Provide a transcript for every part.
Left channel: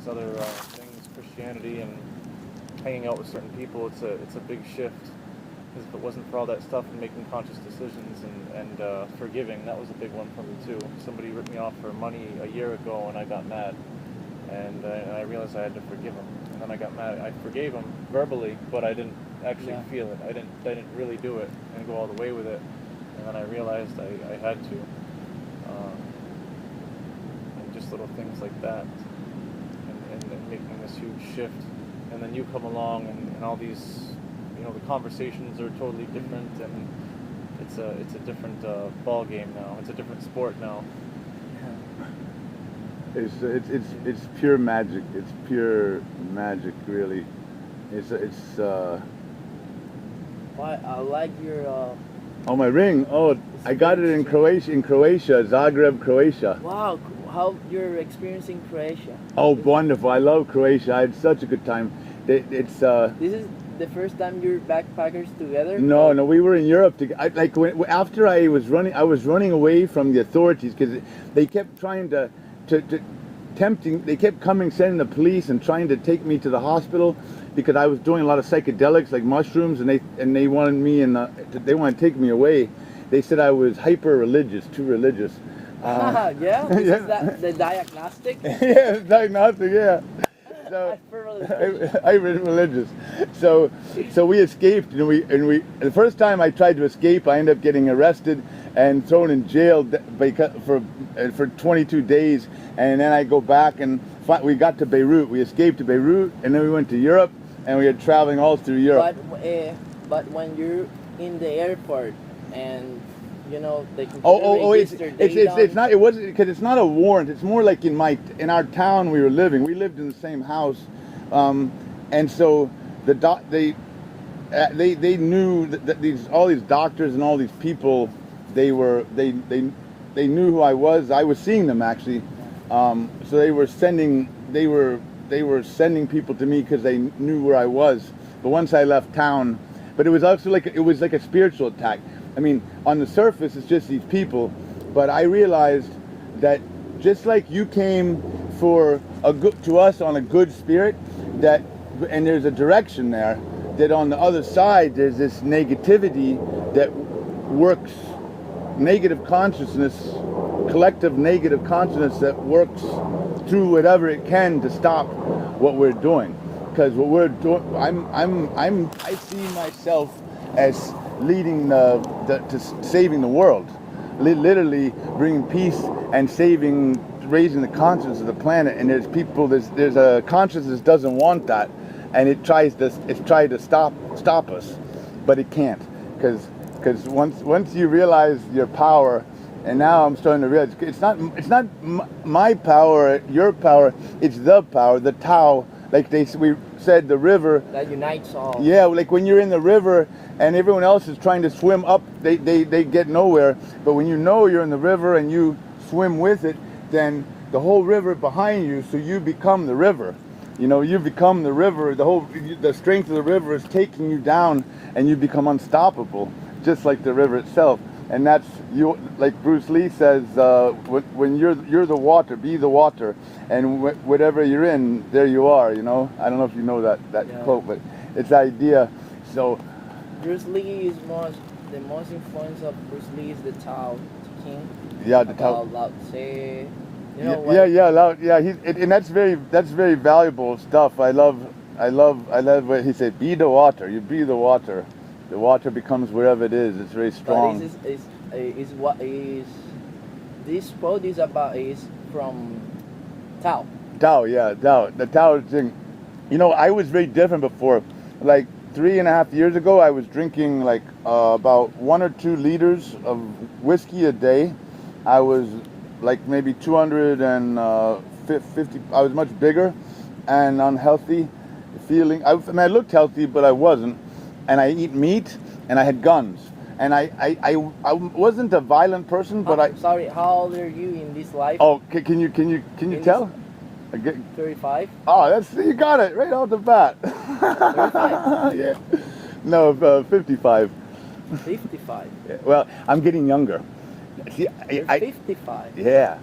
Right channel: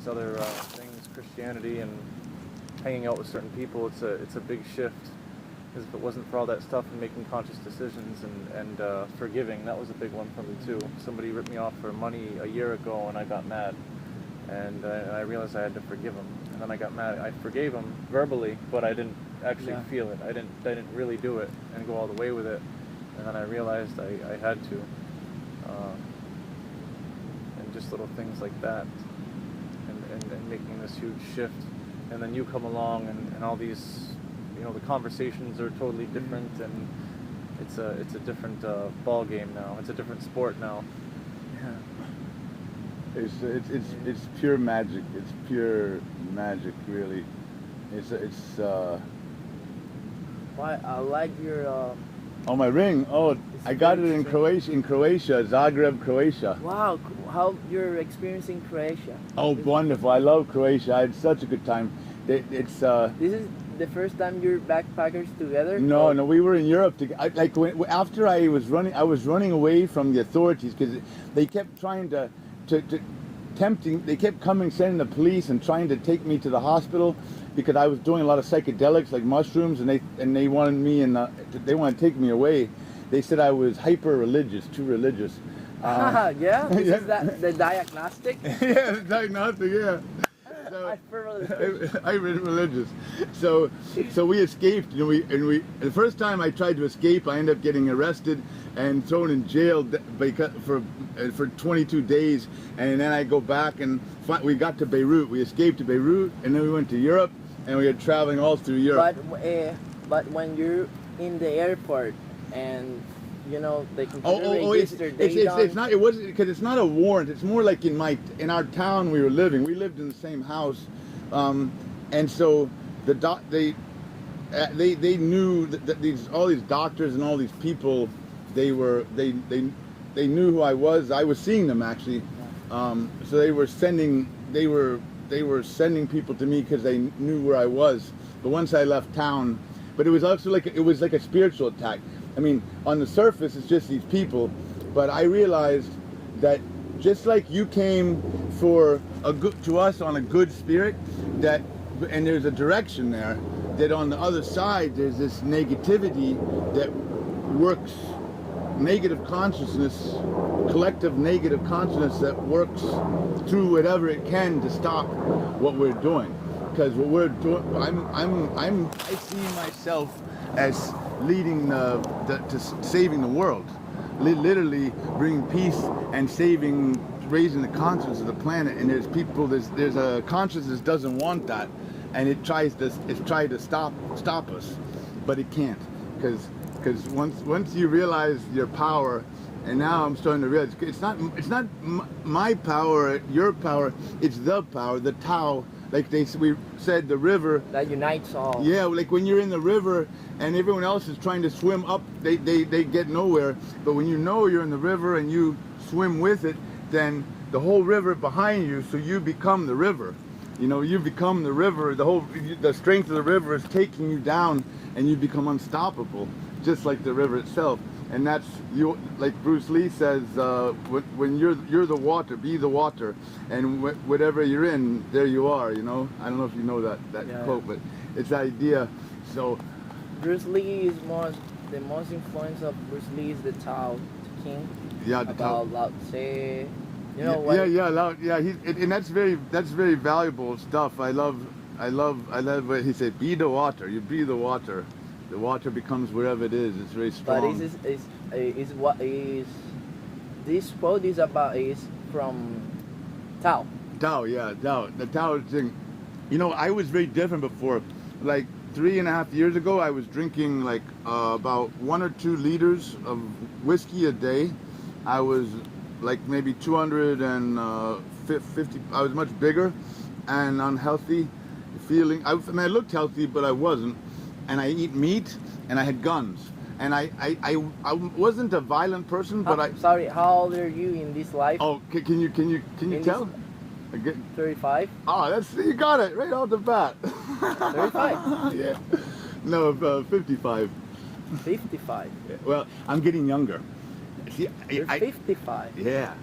these other things, Christianity and hanging out with certain people, it's a big shift. Because if it wasn't for all that stuff and making conscious decisions and forgiving, that was a big one for me too. Somebody ripped me off for money a year ago and I got mad. And I realized I had to forgive him. And then I got mad. I forgave him verbally, but I didn't actually feel it. I didn't really do it and go all the way with it. And then I realized I had to. And just little things like that. And making this huge shift. And then you come along and all these, the conversations are totally different, and it's a different ball game now. It's a different sport now. Yeah. It's pure magic. It's pure magic, really. Why I like your. Oh, my ring. Oh, I got it in Croatia, Zagreb, Croatia. Wow, how you're experiencing Croatia? Oh, wonderful! I love Croatia. I had such a good time. This is the first time you're backpackers together? No, we were in Europe. After I was running away from the authorities because they kept trying to tempting. They kept sending the police and trying to take me to the hospital because I was doing a lot of psychedelics like mushrooms, and they wanted me they wanted to take me away. They said I was hyper religious, too religious. Yeah, is that the diagnostic? Yeah, the diagnostic. Yeah. So, I'm religious. So we escaped, and we the first time I tried to escape, I ended up getting arrested and thrown in jail for 22 days, and then I go back and we got to Beirut. We escaped to Beirut, and then we went to Europe, and we were traveling all through Europe. But when you're in the airport and they can it's not. It wasn't because it's not a warrant. It's more like in our town we were living. We lived in the same house, and so they knew that all these doctors and all these people they knew who I was. I was seeing them actually, so they were sending people to me because they knew where I was. But once I left town, but it was also like a spiritual attack. I mean, on the surface, it's just these people, but I realized that just like you came to us on a good spirit, and there's a direction there, that on the other side there's this negativity that works, negative consciousness, collective negative consciousness that works through whatever it can to stop what we're doing. Because what we're doing, I see myself as leading to saving the world, literally bringing peace and raising the consciousness of the planet. And there's people, there's a consciousness that doesn't want that, and it's tried to stop us, but it can't, because once you realize your power, and now I'm starting to realize it's not my power, your power, it's the power, the TAO. Like we said, the river that unites all. Yeah, like when you're in the river and everyone else is trying to swim up, they get nowhere. But when you're in the river and you swim with it, then the whole river behind you, so you become the river. You become the river. The strength of the river is taking you down, and you become unstoppable, just like the river itself. And that's you, like Bruce Lee says, when you're the water, be the water, and whatever you're in, there you are. I don't know if you know that quote, but it's the idea. So Bruce Lee is the most influence of Bruce Lee is the Tao King. Yeah, the Tao. Lao Tse. And that's very valuable stuff. I love what he said. Be the water. You be the water. The water becomes wherever it is. It's very strong. But this quote is from Tao. Tao, yeah, Tao. The Tao thing. I was very different before. Like 3.5 years ago, I was drinking like about 1 or 2 liters of whiskey a day. I was like maybe 250. I was much bigger and unhealthy feeling. I looked healthy, but I wasn't. And I eat meat, and I had guns, and I wasn't a violent person, but Sorry, how old are you in this life? Oh, can you tell? 35. Oh, you got it right off the bat. 35. Yeah. No, 55. 55. Well, I'm getting younger. See, You're 55. Yeah.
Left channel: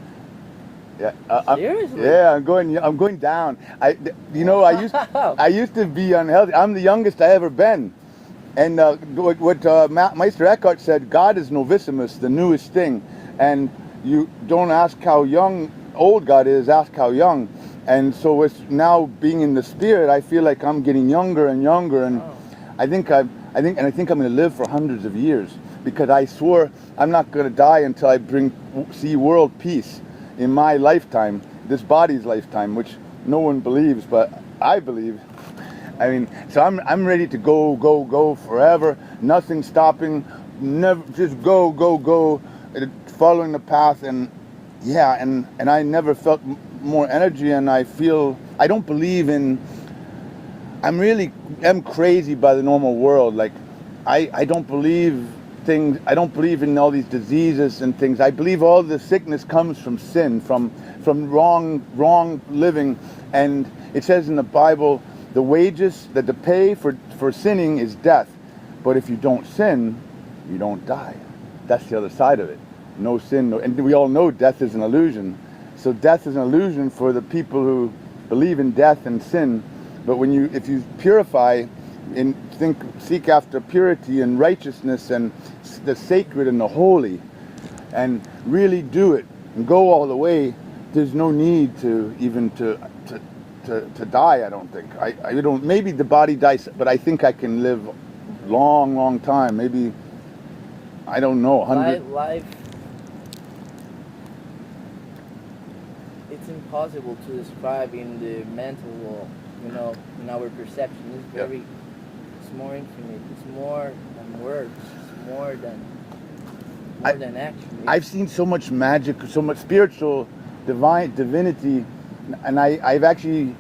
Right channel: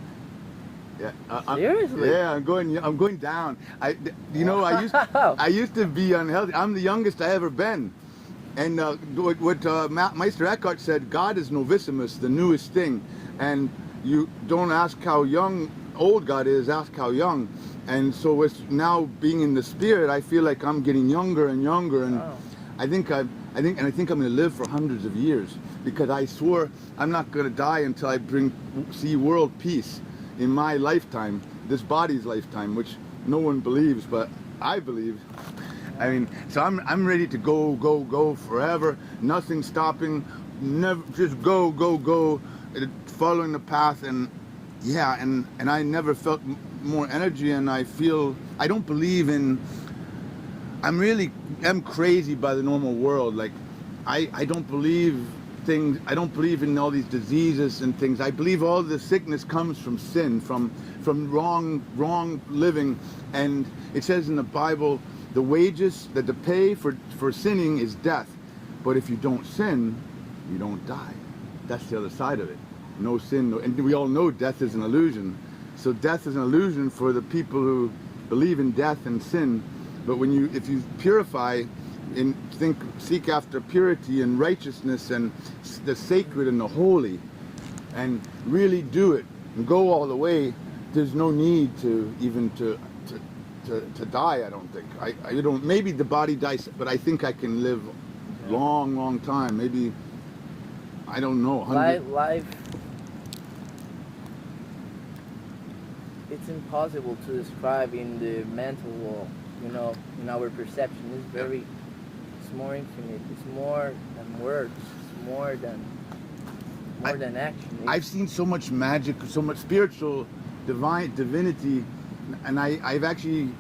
Yeah. Seriously? Yeah, I'm going down. I used to be unhealthy. I'm the youngest I ever been. And what Meister Eckhart said, God is novissimus, the newest thing. And you don't ask how old God is, ask how young. And so it's now being in the spirit, I feel like I'm getting younger and younger. And I think I'm going to live for hundreds of years, because I swore I'm not going to die until I see world peace in my lifetime, this body's lifetime, which no one believes, but I believe. I mean, so I'm ready to go forever. Nothing stopping. Never, just go, following the path. And yeah, and I never felt more energy. And I don't believe in. I'm crazy by the normal world. Like, I don't believe things. I don't believe in all these diseases and things. I believe all the sickness comes from sin, from wrong living. And it says in the Bible, the wages, that the pay for sinning is death. But if you don't sin, you don't die. That's the other side of it. No sin, and we all know death is an illusion. So death is an illusion for the people who believe in death and sin. But if you purify and seek after purity and righteousness and the sacred and the holy, and really do it and go all the way, there's no need to even to die. I don't think. I don't. Maybe the body dies, but I think I can live long time. Maybe, I don't know. 100. Life. It's impossible to describe in the mental world. You know, in our perception, it's more infinite. It's more than words. It's more than action. I've seen so much magic, so much spiritual, divinity, and I actually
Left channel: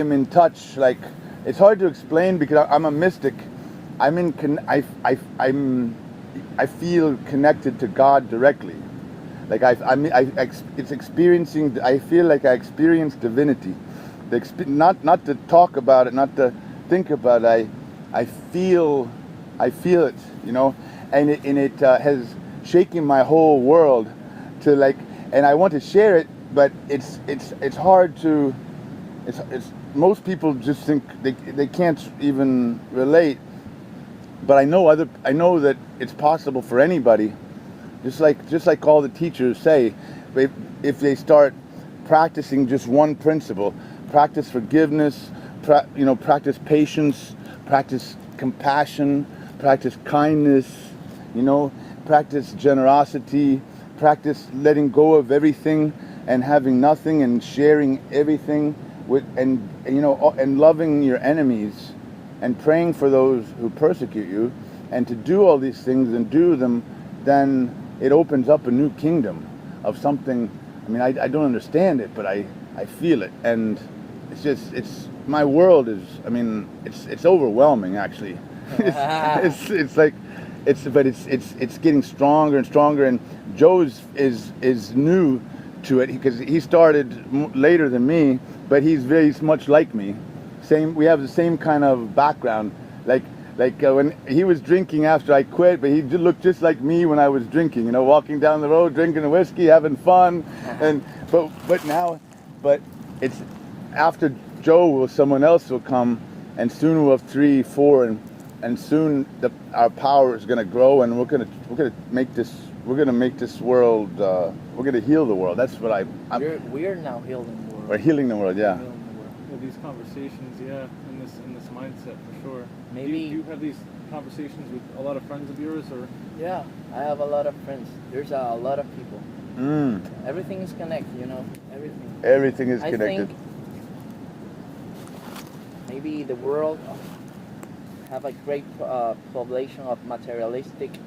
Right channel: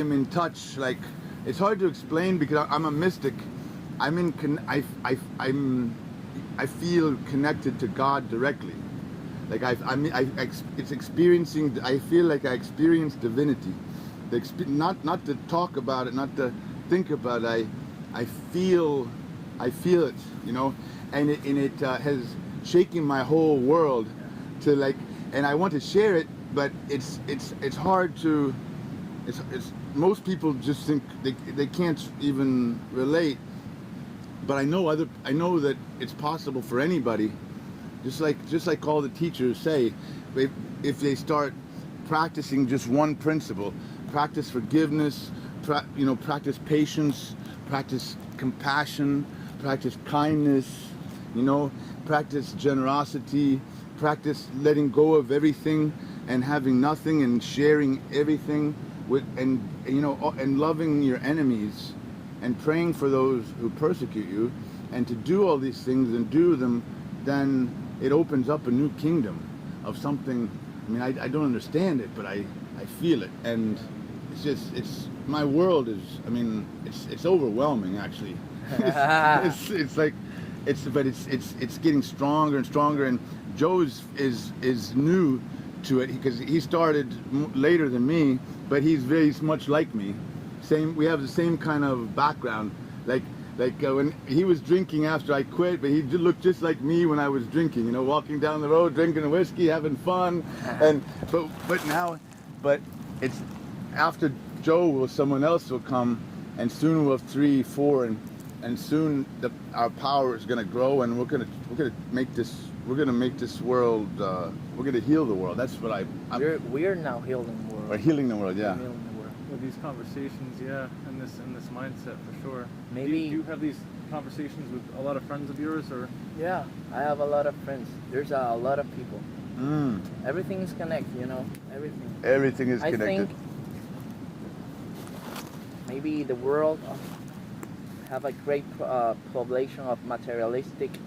am in touch. Like, it's hard to explain because I'm a mystic. I feel connected to God directly. Like it's experiencing. I feel like I experience divinity. Not to talk about it, not to think about it. I feel it, you know, and it has shaken my whole world to like, and I want to share it, but it's hard to. It's most people just think they can't even relate. But I know that it's possible for anybody. Just like all the teachers say, if they start practicing just one principle, practice forgiveness, practice patience, practice compassion, practice kindness, practice generosity, practice letting go of everything and having nothing and sharing everything and loving your enemies and praying for those who persecute you, and to do all these things and do them, then it opens up a new kingdom of something. I mean, I don't understand it, but I feel it, and it's my world is. I mean, it's overwhelming actually. It's getting stronger and stronger. And Joe's is new to it because he started later than me, but he's very much like me. We have the same kind of background. Like when he was drinking after I quit, but he did look just like me when I was drinking. Walking down the road, drinking whiskey, having fun, but it's after Joe, someone else will come, and soon we'll have 3, 4, and soon our power is going to grow, and we're going to make this world. We're going to heal the world. That's what we're now healing the world. We're healing the world, yeah. With these conversations, yeah, and this mindset for sure. Maybe do you have these conversations with a lot of friends of yours, or? Yeah, I have a lot of friends. There's a lot of people. Everything is connected, everything. Everything is connected. I think maybe the world have a great population of materialistic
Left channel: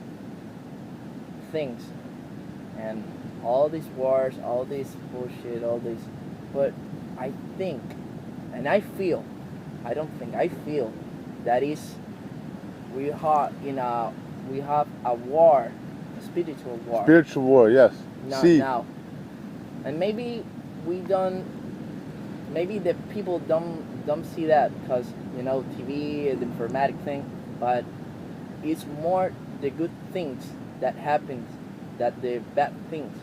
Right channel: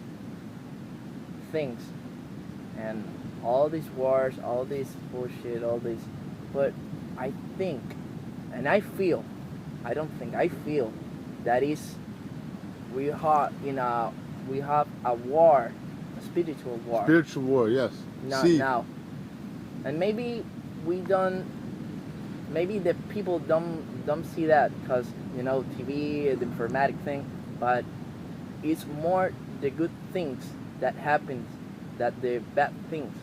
things, and all these wars, all this bullshit, but I think, and I feel, I don't think, I feel that is we have a war, a spiritual war. Spiritual war, yes. Now, and maybe maybe the people don't see that because TV, the informatic thing, but it's more the good things that happens than the bad things.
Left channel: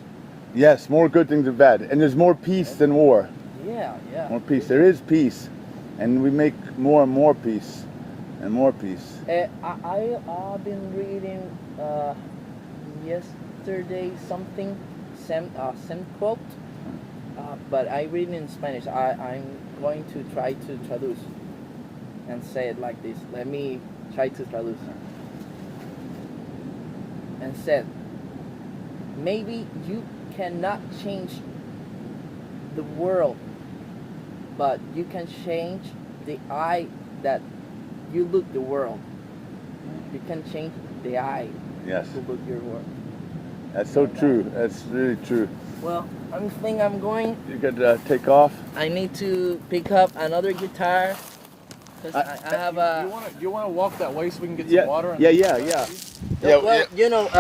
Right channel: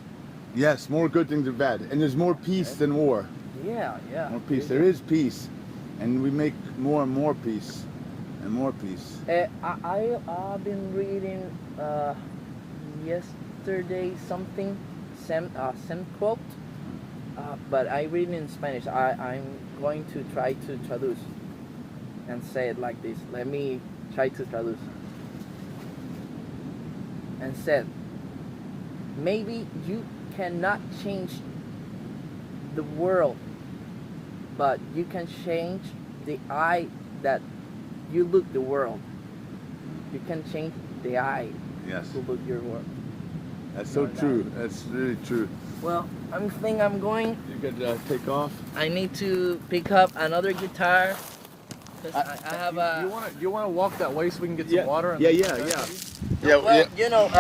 Yes, more good things than bad. And there's more peace than war. Yeah, yeah. More peace. There is peace. And we make more and more peace. And more peace. I've been reading yesterday something, some quote, but I read in Spanish. I'm going to try to traduce and say it like this. Let me try to traduce. And said, maybe you cannot change the world, but you can change the eye that you look the world. You can change the eye Yes. to look your world. That's so true. That's really true. Well, I think I'm going. You could take off. I need to pick up another guitar because I have a. Do you want to walk that way so we can get some water? Yeah. Well, you know.